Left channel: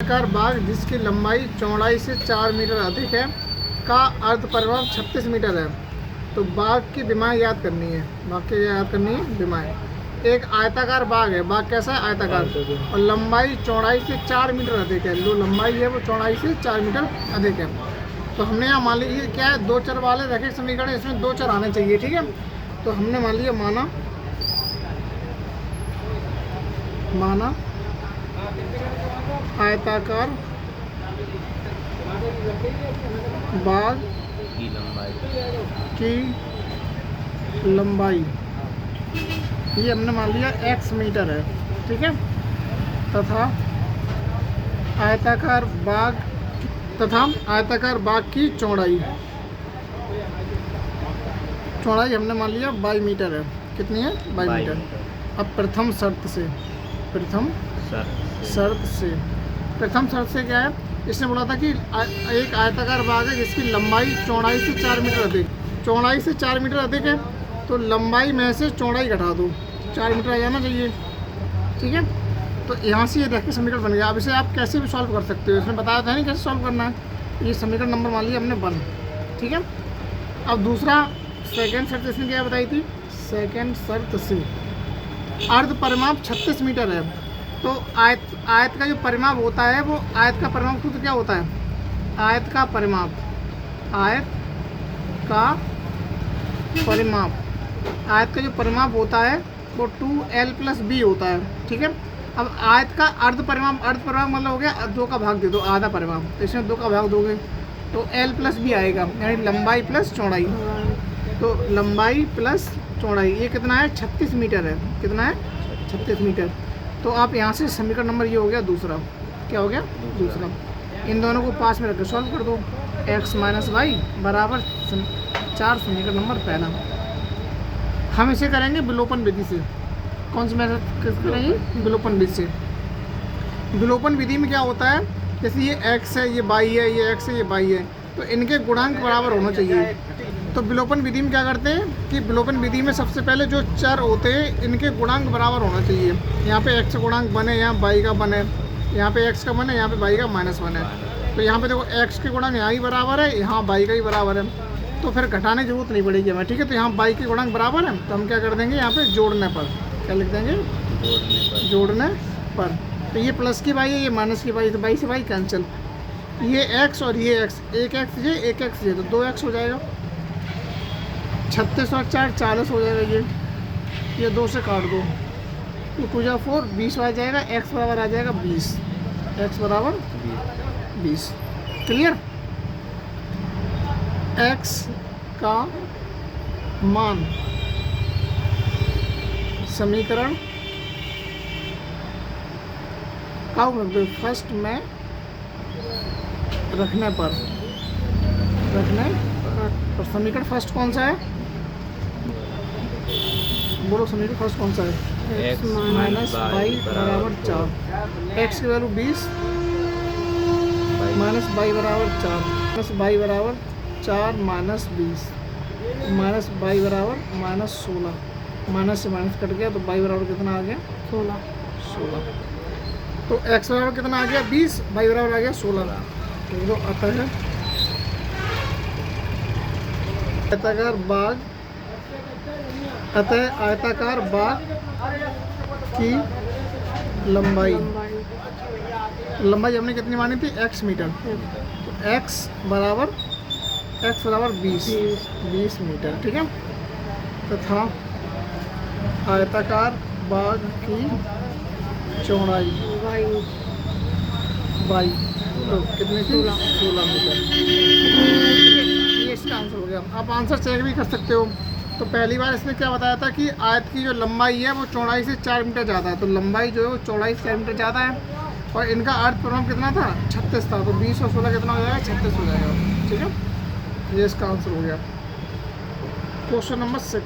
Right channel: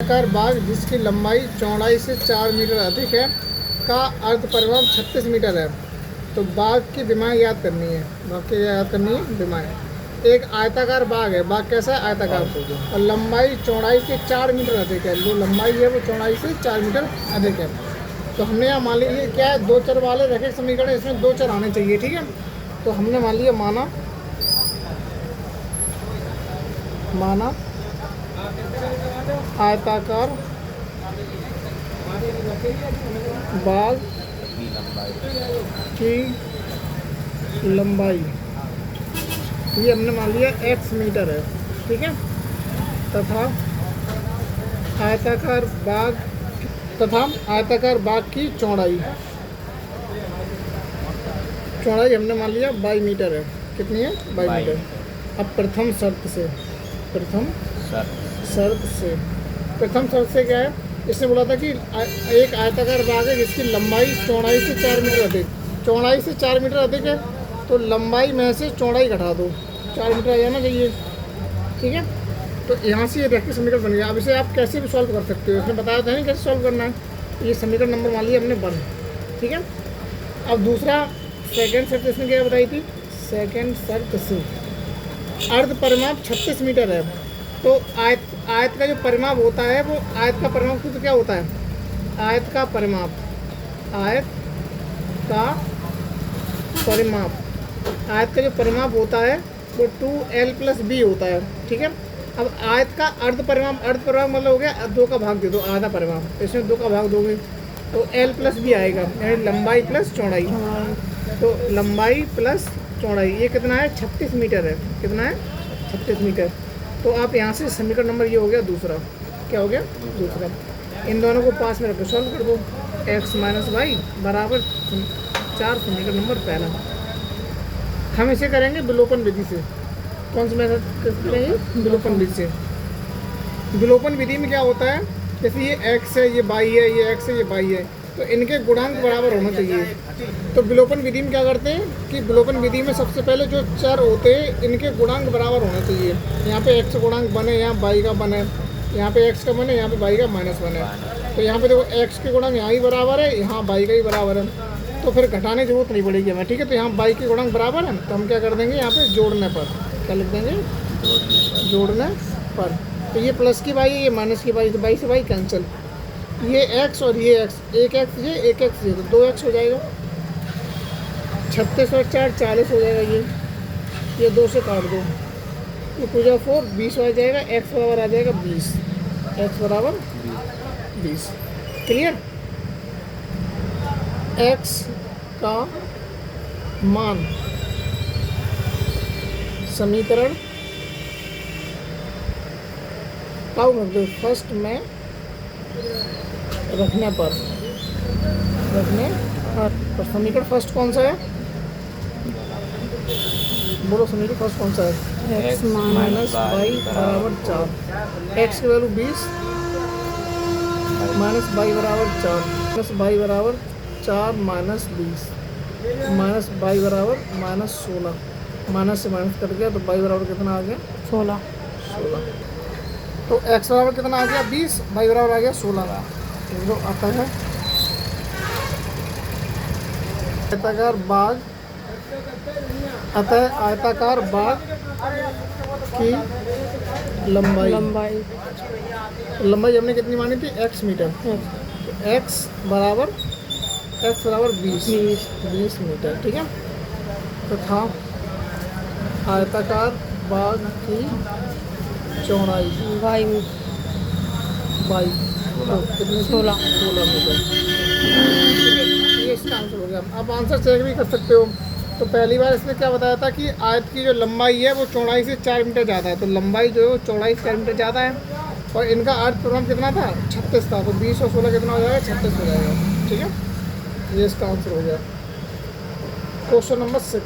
आयताकार बाग जिसकी लंबाई चौड़ाई से 4 मीटर अधिक है का अर्ध परिमाप 36 मीटर है। तो बाग की विमाएँ याद करनी है। बाग की याद करनी है विमाएँ। एक आयताकार बाग है। बाग कैसा है? आयताकार। और लंबाई चौड़ाई से 4 मीटर अधिक है। जो लंबाई है वो चौड़ाई से 4 मीटर अधिक है। तो हमने यहाँ मान लिया क्या है, दो चर वाले रैखिक समीकरण, इसमें दो चर आने चाहिए। ठीक है, तो हमने मान लिया माना आयताकार बाग की लंबाई ये हमने मान लिया x मीटर है। ठीक है, तथा आयताकार बाग की चौड़ाई हमने मान लिया 22 मीटर है। कितनी है? 22 मीटर। अब प्रथम शर्त से क्या है, इसने बोला था कि एक आयताकार बाग है जिसकी लंबाई चौड़ाई से 4 मीटर अधिक, चौड़ाई से 4 मीटर अधिक है, तो लंबाई में से चौड़ाई घटा दो, 4 मीटर आ जाना चाहिए। ठीक है, तो यहाँ से ये रैखिक समीकरण बन गया। अब इसे आप कैसे भी सॉल्व कर सकते हो, इसने बताया था नहीं कैसे सॉल्व करना है। ये समीकरण नंबर मान लिया हमने 1। ठीक है, अब दूसरा सेकंड शर्त इसने क्या बताई थी? सेकंड शर्त से अर्ध परिमाप 36 मीटर है। तो आयत का जो परिमाप होता है वो आयत का परिमाप तो क्या होता है? आयत का परिमाप जो परिमाप होता है वो 2l + b होता है। ठीक है, अब आयत का अर्ध परिमाप मतलब हो गया 2 का भाग दे दो, आधा परिमाप, इसमें 2 का भाग दोगे तो l + b आएगा, यानी लंबाई प्लस चौड़ाई। तो लंबाई प्लस चौड़ाई ये कितना है? 36 मीटर है। कितना है? 36 मीटर। तो आप यहाँ से समीकरण नंबर ये हो गया दूसरा। क्या हो गया? दूसरा। इन दोनों को पास में रख सॉल्व कर दो। x - y बराबर 4 समीकरण नंबर पहला। हम इसे करेंगे विलोपन विधि से। कौन सी मेथड करेंगे? विलोपन विधि से। विलोपन विधि में क्या होता है, जैसे ये x है, ये y है, ये x है, ये y है, तो इनके गुणांक बराबर होना चाहिए। तो विलोपन विधि में क्या करते हैं कि विलोपन विधि में सबसे पहले जो चर होते हैं इनके गुणांक बराबर होना चाहिए। यहाँ पे x गुणांक बने, यहाँ y का बने, यहाँ पे x का बने, यहाँ पे y का माइनस बने। तो यहाँ पे देखो x के गुणांक यहाँ ही बराबर है, यहाँ y का ही बराबर है, तो फिर घटाने की जरूरत नहीं पड़ेगी हमें। ठीक है, तो यहाँ y के गुणांक बराबर है, तो हम क्या कर देंगे यहाँ पे जोड़ने पर, क्या लिख देंगे? जोड़ने पर। तो ये प्लस की y है, ये माइनस की y, तो y से y कैंसिल, ये x और ये x, एक x ये तो 2x हो जाएगा। 36 और 4 40 हो जाएगा। ये 2 से काट दो, ये पूजा 4 20 आ जाएगा। x बराबर आ जाएगा 20, x बराबर 20। क्लियर? x का मान समीकरण फर्स्ट में रखने पर तो समीकरण फर्स्ट कौन सा है? बोलो, समीकरण फर्स्ट कौन सा है? x - y बराबर 4। x की वैल्यू 20 माइनस y बराबर 4, प्लस y बराबर 4 माइनस 20 माइनस y बराबर माइनस 16। माइनस से माइनस कट गया तो y बराबर कितना आ गया? 16। तो x बराबर कितना आ गया? 20, y बराबर आ गया 16। जो आता है आयताकार बाग की लंबाई हमने कितनी मानी थी? x metre. तो x बराबर 20 मीटर। ठीक है, तथा आयताकार बाग की चौड़ाई y कितनी? 16 मीटर। ये इसका आंसर हो गया। आप आंसर चेक भी कर सकते हो। तो पहली बार इसने क्या बताया था कि आयत की जो लंबाई है वो चौड़ाई से 4 मीटर ज़्यादा है। तो लंबाई जो है वो चौड़ाई से 4 मीटर ज़्यादा है, और इनका अर्ध परिमाप कितना था? 36 था। तो 20 और 16 कितना हो जाएगा? 36 हो जाएगा। ठीक है, ये इसका आंसर हो गया। Question number 6।